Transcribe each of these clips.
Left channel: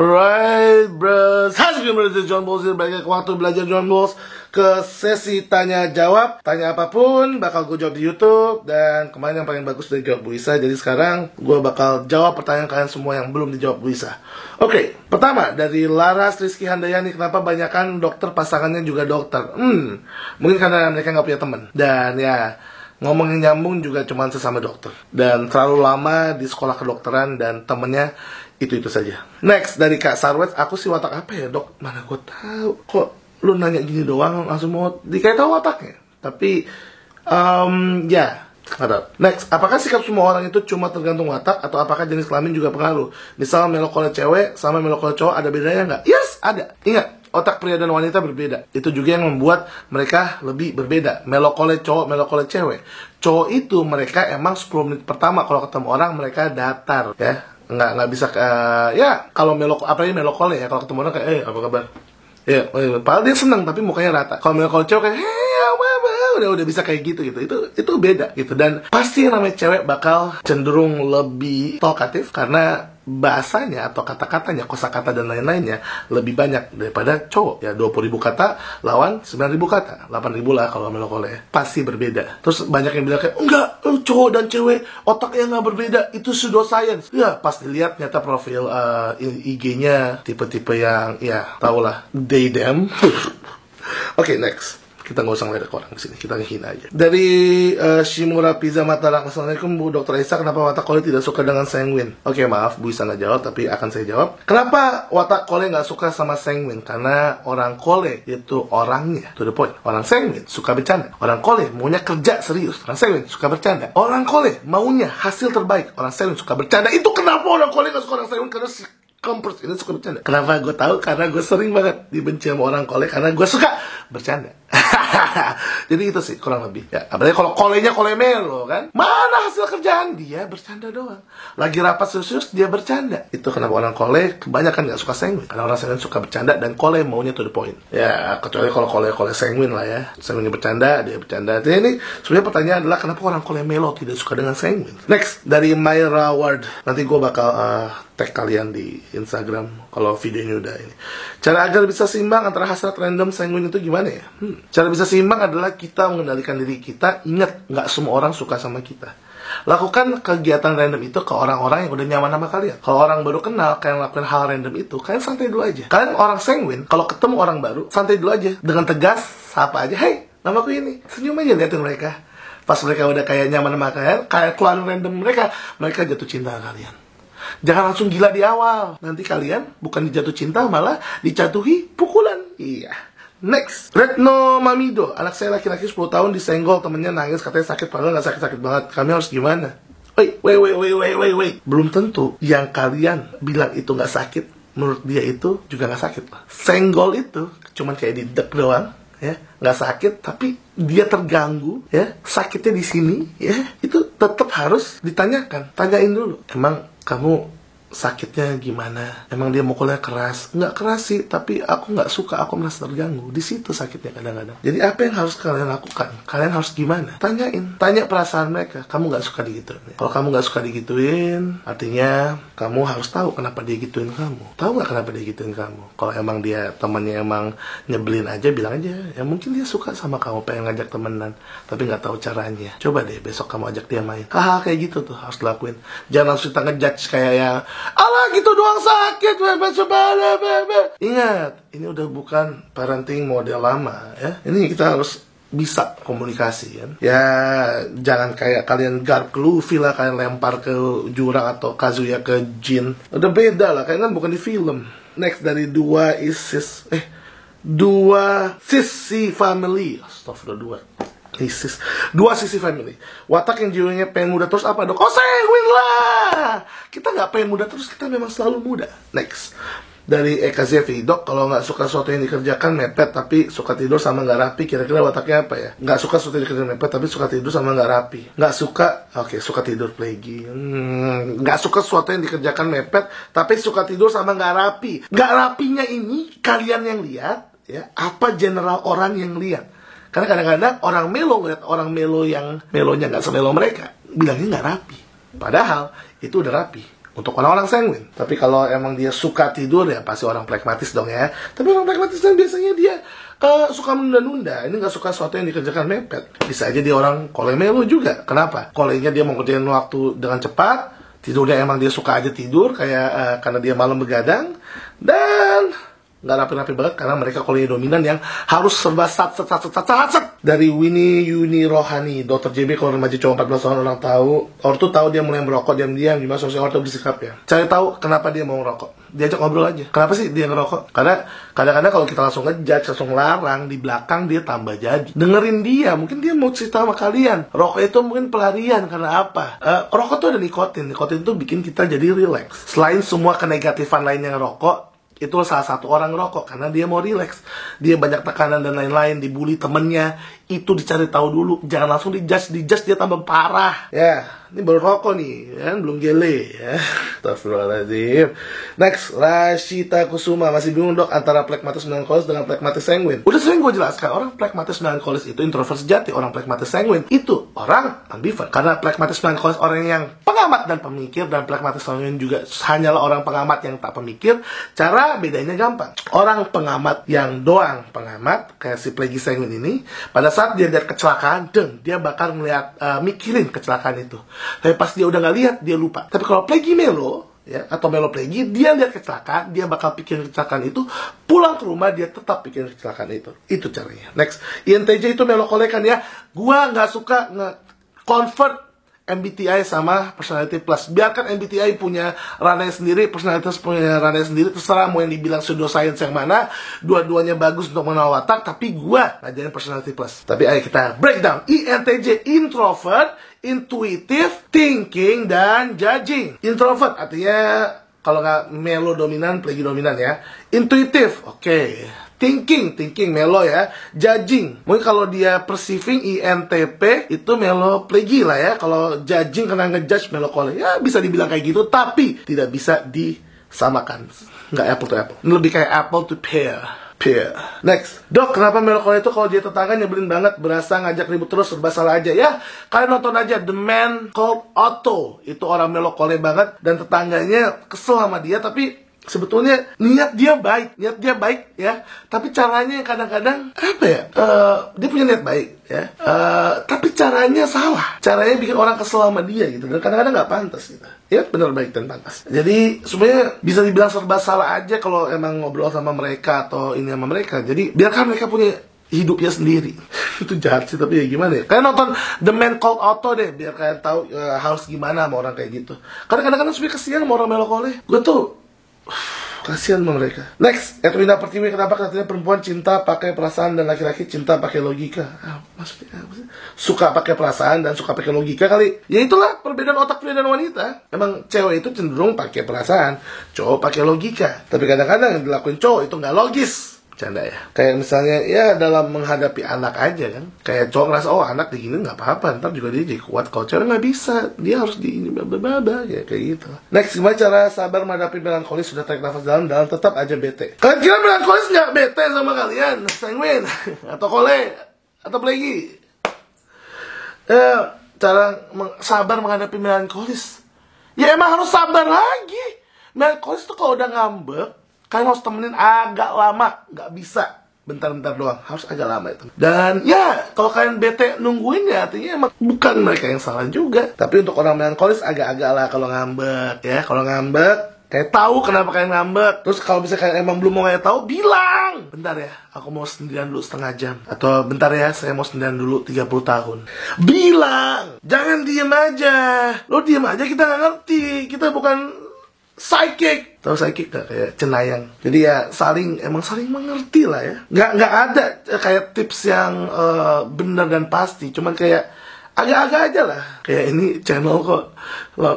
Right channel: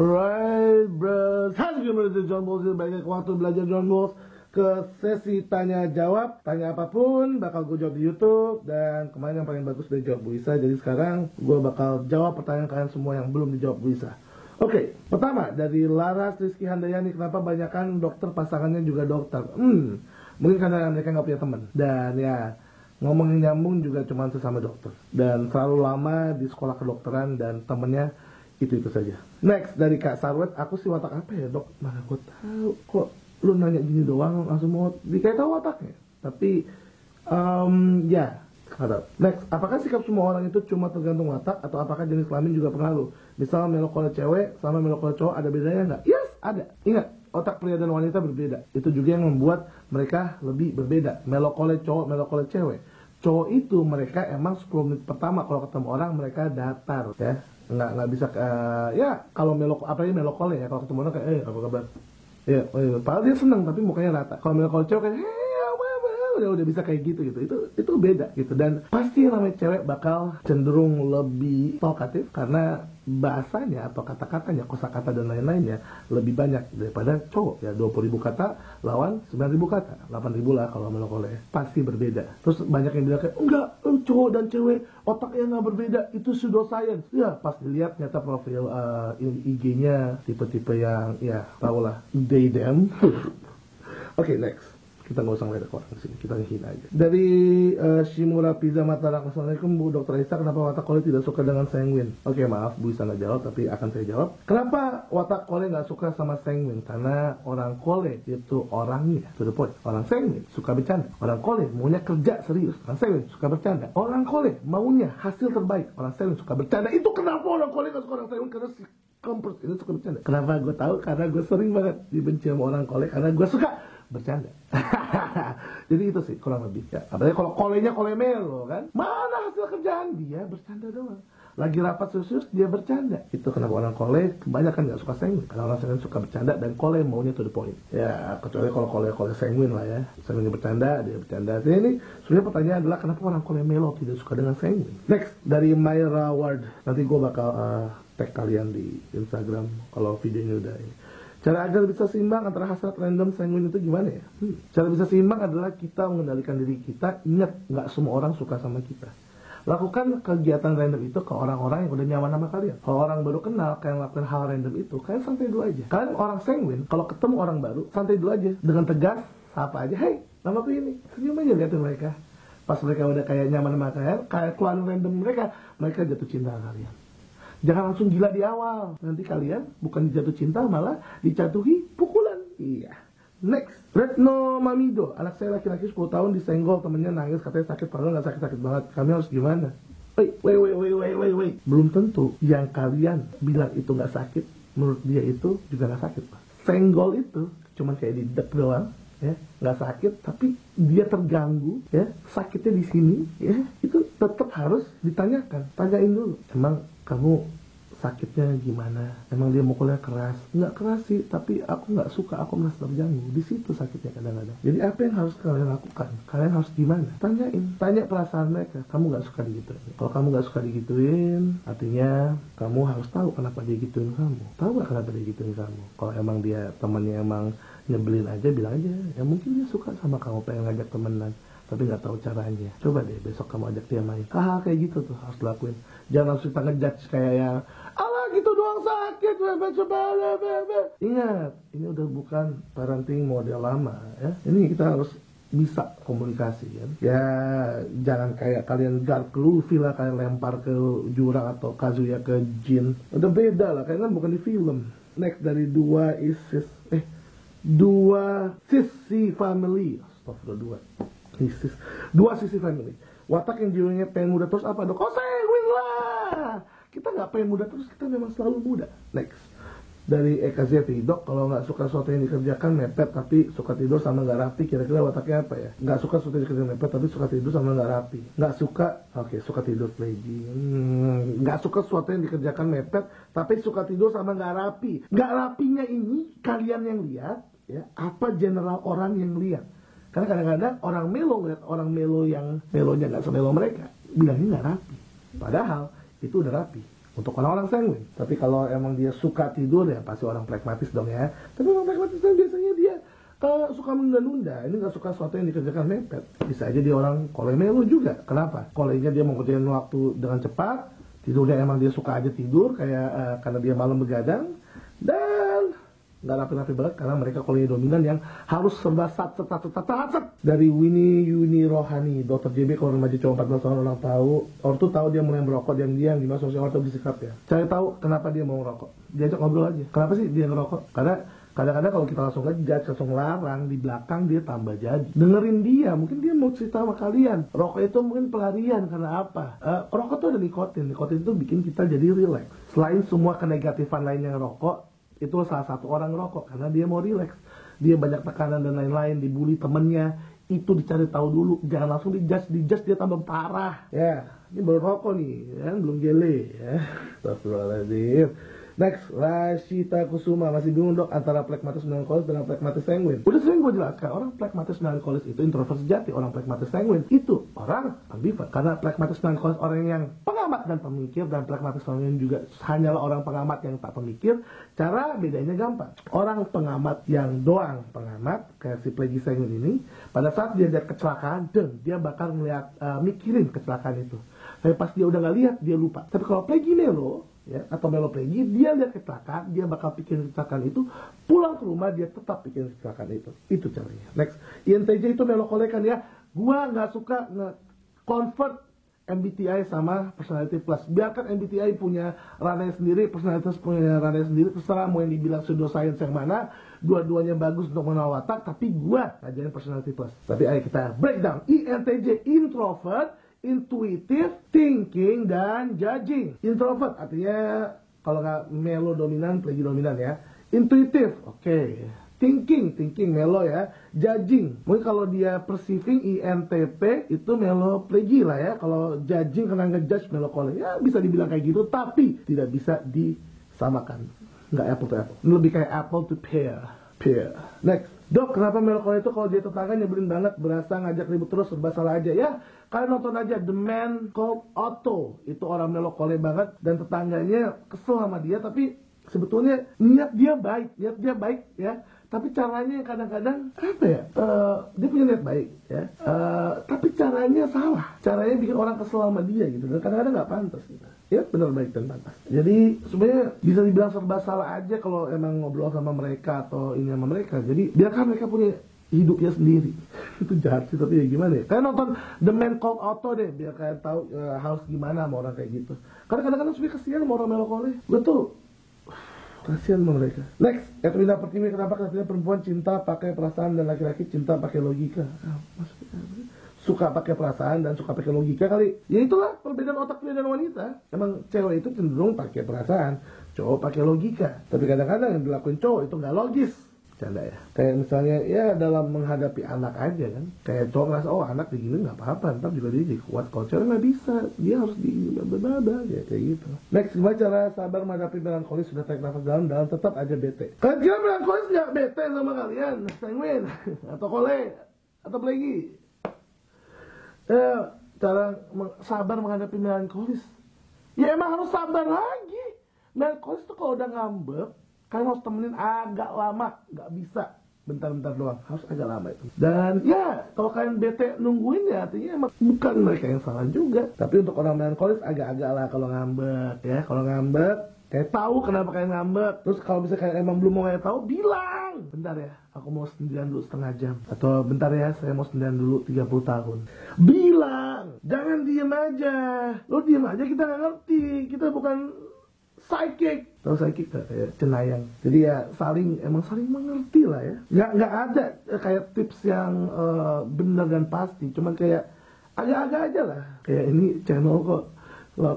Right, bros. Hai, saya John Balls. Balik ke waktu belajar John Balls ke sesi tanya jawab. Tanya apapun bakal gue jawab di YouTube. Dan kemarin yang paling bagus udah jawab Bu Isa. Jadi sekarang gue bakal jawab pertanyaan kalian semua yang belum dijawab Bu Isa. Oke, pertama dari Laras Rizky Handayani. Kenapa banyakan dokter pasangannya juga dokter? Mungkin karena mereka nggak punya teman. Dan ya, ngomongin nyambung juga cuma sesama dokter. Dan terlalu lama di sekolah kedokteran dan temennya itu saja. Next dari Kak Sarwet, aku sih watak apa ya dok? Mana gue tahu. Kok lu nanya gini doang langsung mau dikayak tahu wataknya? Tapi ya, nggak. Next, apakah sikap semua orang itu cuma tergantung watak atau apakah jenis kelamin juga pengaruh? Misal melokole cewek sama melokole cowok ada bedanya nggak? Yes, ada. Ingat, otak pria dan wanita berbeda. Itu juga yang membuat mereka lebih berbeda. Melokole cowok, melokole cewek. Cowok itu mereka emang 10 menit pertama kalau ketemu orang mereka datar ya. Nggak bisa ya kalau apalagi melokole ya, kalau ketemu orang kayak apa kabar ya, padahal dia seneng tapi mukanya rata. Kalau melokole cewek kayak udah bisa kayak gitu itu beda gitu. Dan pasti yang namanya cewek bakal cenderung lebih talkative karena bahasanya atau kata-katanya, kosakata dan lain-lainnya lebih banyak daripada cowok ya. 20.000 kata lawan 9.000 kata, 8.000 lah kalau melokole. Pasti berbeda. Terus banyak yang bilang kayak enggak, cowok dan cewek otaknya nggak berbeda, itu pseudoscience ya. Pas dilihat nyata profil IG-nya tipe-tipe yang ya tau lah, they them. Oke, next. Kita nggak usah ngeliat orang kesini, kita ngehina aja. Dari Shimura Pizza Matarak, assalamualaikum Bu Dr. Isa, kenapa watak kole tidak suka dengan sanguin? Oke, maaf Bu Isa nggak jawab, tapi akan saya jawab. Kenapa watak kole nggak suka sama sanguin? Karena orang kole itu orangnya to the point. Orang sanguin suka bercanda. Orang kole maunya kerja serius. Orang sanguin suka bercanda. Orang kole maunya hasil terbaik. Orang sanguin suka bercanda. Itu kenapa orang kole nggak suka orang sanguin? Karena si kampus ini suka bercanda. Kenapa gue tahu? Karena gue sering banget dibenci sama orang kole karena gue suka bercanda. Jadi itu sih kurang lebih ya. Apalagi kalau kolenya kole melo kan, mana hasil kerjaan? Dia bercanda doang. Lagi rapat serius dia bercanda. Itu kenapa orang kole kebanyakan gak suka sanguin. Karena orang sanguin suka bercanda dan kole maunya to the point. Ya kecuali kalau kole sanguin lah ya. Sanguin bercanda, dia bercanda. Jadi ini sebenarnya pertanyaan adalah kenapa orang kole melo tidak suka dengan sanguin. Next dari Myra Ward. Nanti gue bakal tag kalian di Instagram kalau videonya udah ini. Cara agar bisa seimbang antara hasrat random sanguin itu gimana ya? Cara bisa seimbang adalah kita mengendalikan diri kita. Ingat, nggak semua orang suka sama kita. Lakukan kegiatan random itu ke orang-orang yang udah nyaman sama kalian. Kalau orang baru kenal, kalian lakukan hal random itu, kalian santai dulu aja. Kalian orang sanguin, kalau ketemu orang baru, santai dulu aja. Dengan tegas, sapa aja, hey, namaku ini. Senyum aja liatin mereka. Pas mereka udah kayak nyaman sama kalian, kayak keluarin random mereka jatuh cinta sama kalian. Jangan langsung gila di awal. Nanti kalian bukan dijatuh cinta, malah dijatuhi pukulan. Iya. Next, Retno Mamido. Anak saya laki-laki 10 tahun disenggol, temennya nangis, katanya sakit, padahal gak sakit-sakit banget. Kami harus gimana? Wait. Belum tentu yang kalian bilang itu gak sakit, menurut dia itu juga gak sakit. Senggol itu cuman kayak didek doang, ya, nggak sakit, tapi dia terganggu, ya, sakitnya di sini, ya, itu tetap harus ditanyakan. Tanyain dulu, emang kamu sakitnya gimana? Emang dia mukulnya keras? Nggak keras sih, tapi aku nggak suka, aku merasa terganggu. Di situ sakitnya kadang-kadang. Jadi apa yang harus kalian lakukan? Kalian harus gimana? Tanya perasaan mereka. Kamu nggak suka digituin. Kalau kamu nggak suka digituin, artinya kamu harus tahu kenapa dia gituin kamu. Tahu nggak kenapa dia gituin kamu? Kalau emang dia temannya emang nyebelin aja, bilang aja. Ya mungkin dia suka sama kamu, pengen ngajak temenan, tapi nggak tahu caranya. Coba deh besok kamu ajak dia main. Kayak gitu tuh harus dilakuin. Jangan langsung kita ngejudge kayak yang alah gitu doang sakit, Ingat, ini udah bukan parenting model lama ya. Ini kita harus bisa komunikasi kan. Ya jangan kayak kalian garp ke Luffy lah, kalian lempar ke jurang atau Kazuya ke Jin. Udah beda lah, kalian kan bukan di film. Next dari dua sisi family. Astagfirullah, dua sisi family. Watak yang jiwanya pengen muda terus apa dok? Sanguin lah. Kita nggak pengen muda terus, kita memang selalu muda. Next dari Eka Zevi, dok kalau nggak suka sesuatu yang dikerjakan mepet tapi suka tidur sama nggak rapi, kira-kira wataknya apa ya? Nggak suka sesuatu yang dikerjakan mepet tapi suka tidur sama nggak rapi. Nggak suka, suka tidur plagi. Nggak suka sesuatu yang dikerjakan mepet tapi suka tidur sama nggak rapi. Nggak rapinya ini kalian yang lihat ya, apa general orang yang lihat? Karena kadang-kadang orang melo ngeliat orang melo yang melonya nggak semelo mereka, bilangnya nggak rapi. Padahal itu udah rapi. untuk orang-orang sanguin. Tapi kalau emang dia suka tidur ya pasti orang pragmatis dong ya. Tapi orang pragmatis kan biasanya dia suka menunda-nunda. Ini nggak suka sesuatu yang dikerjakan mepet. Bisa aja dia orang kole melo juga. Kenapa? Kolenya dia mau kerjain waktu dengan cepat. Tidurnya emang dia suka aja tidur kayak karena dia malam begadang. Dan nggak rapi-rapi banget karena mereka kolenya dominan yang harus serba sat. Dari Winnie Yuni Rohani, Dr. JB kalau remaja cowok 14 tahun orang tahu, orang tuh tahu dia mulai merokok diam-diam, gimana sosial orang tuh bersikap ya. Cari tahu kenapa dia mau merokok. Diajak ngobrol aja. Kenapa sih dia ngerokok? Karena kadang-kadang kalau kita langsung ngejudge, langsung larang, di belakang dia tambah jadi. Dengerin dia, mungkin dia mau cerita sama kalian. Rokok itu mungkin pelarian, karena apa? Rokok tuh ada nikotin. Nikotin tuh bikin kita jadi relax. Selain semua kenegatifan lainnya ngerokok, itu salah satu orang ngerokok karena dia mau relax. Dia banyak tekanan dan lain-lain, dibully temennya. Itu dicari tahu dulu, jangan langsung dijudge dia tambah parah. Ya, ini baru rokok nih, kan belum gele ya. Astagfirullahaladzim. Next, Rashita Kusuma, masih bingung dok antara pragmatis melankolis dengan pragmatis sanguin. Udah sering gue jelaskan, orang pragmatis melankolis itu introvert sejati, orang pragmatis sanguin itu orang ambivert. Karena pragmatis melankolis orang yang pengamat dan pemikir, dan pragmatis sanguin juga hanyalah orang pengamat yang tak pemikir. Cara bedanya gampang. Orang pengamat yang doang pengamat, kayak si Plegi sanguin ini, pada saat dia lihat kecelakaan, dia bakal mikirin kecelakaan itu. Tapi pas dia udah nggak lihat, dia lupa. Tapi kalau Plegi melo, ya, atau melo Plegi, dia lihat kecelakaan, dia bakal pikirin kecelakaan itu, pulang ke rumah dia tetap pikirin kecelakaan itu. Itu caranya. Next, INTJ itu melo kolekan ya. Gua nggak suka nge-convert MBTI sama personality plus. Biarkan MBTI punya ranahnya sendiri, personalitas punya ranahnya sendiri. Terserah mau yang dibilang pseudoscience yang mana. Dua-duanya bagus untuk mengenal watak, tapi gua ngajarin personality plus. Tapi ayo kita breakdown. INTJ, introvert, intuitive, thinking, dan judging. Introvert artinya kalau nggak melo dominan, Plegi dominan ya. Intuitive, oke. Thinking melo ya. Judging, mungkin kalau dia perceiving INTP itu melo Plegi lah ya. Kalau judging kena ngejudge melo kole, ya bisa dibilang kayak gitu, tapi tidak bisa disamakan. Nggak apple to apple, ini lebih kayak apple to pear. Next, dok, kenapa melo kole itu kalau dia tetangga nyebelin banget, berasa ngajak ribut terus, serba salah aja ya? Kalian nonton aja The Man Called Otto. Itu orang melo kole banget dan tetangganya kesel sama dia, tapi sebetulnya niat dia baik ya, tapi caranya kadang-kadang apa ya, dia punya niat baik ya, tapi caranya salah, caranya bikin orang kesel sama dia gitu, dan kadang-kadang nggak pantas gitu ya, benar baik dan pantas. Jadi sebenarnya bisa dibilang serba salah aja kalau emang ngobrol sama mereka atau ini sama mereka. Jadi biarkan mereka punya hidupnya sendiri. Itu jahat sih, tapi ya gimana ya. Kalian nonton The Man Called Otto deh, biar kalian tahu harus gimana sama orang kayak gitu. Karena kadang-kadang sebenarnya kesian sama orang melokole. Gue tuh kasihan sama mereka. Next, Edwina Pertiwi, kenapa katanya perempuan cinta pakai perasaan dan laki-laki cinta pakai logika? Maksudnya apa sih? Suka pakai perasaan dan suka pakai logika kali. Ya itulah perbedaan otak pria dan wanita. Emang cewek itu cenderung pakai perasaan, cowok pakai logika. Tapi kadang-kadang yang dilakuin cowok itu nggak logis. Canda ya. Kayak misalnya ya dalam menghadapi anak aja kan. Kayak cowok ngerasa oh anak digini nggak apa-apa, ntar juga dia jadi kuat. Kalau cewek nggak bisa, dia harus di ya kayak gitu. Next, gimana cara sabar menghadapi melankolis? Sudah tarik nafas dalam tetap aja bete. Kalian kira melankolis nggak bete sama kalian? Sanguin atau kole atau Plegi? Cara sabar menghadapi melankolis, ya emang harus sabar lagi. Melankolis tuh kalau udah ngambek, kalian harus temenin agak lama, nggak bisa bentar-bentar doang, harus agak lama itu. Dan ya kalau kalian bete nungguin ya artinya emang bukan mereka yang salah juga. Tapi untuk orang melankolis agak-agak lah kalau ngambek ya. Kalau ngambek kayak tahu kenapa kalian ngambek. Terus kalau bisa kalian emang belum mau kayak tahu, bilang bentar ya, aku mau sendirian dulu setengah jam, atau bentar ya, saya mau sendirian dulu 30 tahun. Bilang, jangan diem aja. Lo diem aja kita nggak ngerti, kita bukan psychic. Tahu psychic gak? Kayak cenayang. Jadi ya emang saling mengerti lah ya. Nggak ada kayak tips yang benar dan pasti. Cuman kayak agak-agak aja lah. Kayak ini channel kok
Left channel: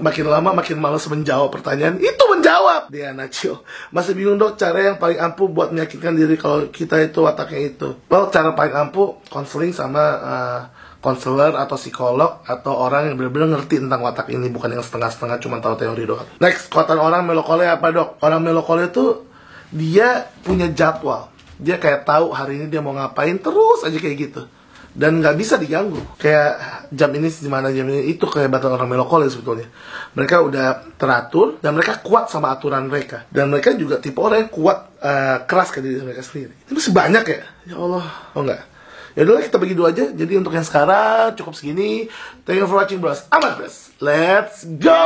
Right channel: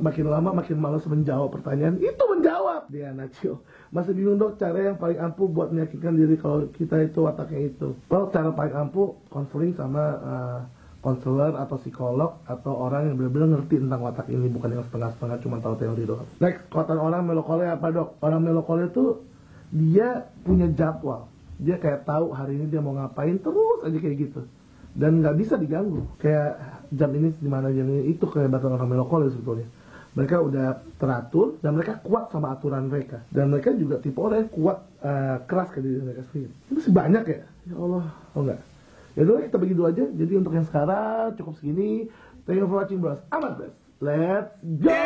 makin lama makin malas menjawab pertanyaan. Itu menjawab dia Nacio. Masih bingung dok cara yang paling ampuh buat meyakinkan diri kalau kita itu wataknya itu. Well, cara paling ampuh konseling sama konselor atau psikolog atau orang yang benar-benar ngerti tentang watak ini, bukan yang setengah-setengah cuma tahu teori doang. Next, kekuatan orang melokole apa dok? Orang melokole itu dia punya jadwal. Dia kayak tahu hari ini dia mau ngapain, terus aja kayak gitu. Dan nggak bisa diganggu. Kayak jam ini gimana, jam ini, itu kehebatan orang melokole sebetulnya. Mereka udah teratur dan mereka kuat sama aturan mereka. Dan mereka juga tipe orang yang kuat, keras ke diri mereka sendiri. Ini masih banyak ya? Ya Allah. Oh enggak. Ya udahlah, kita bagi dua aja. Jadi untuk yang sekarang cukup segini. Thank you for watching, bros. Amat, bros. Let's go.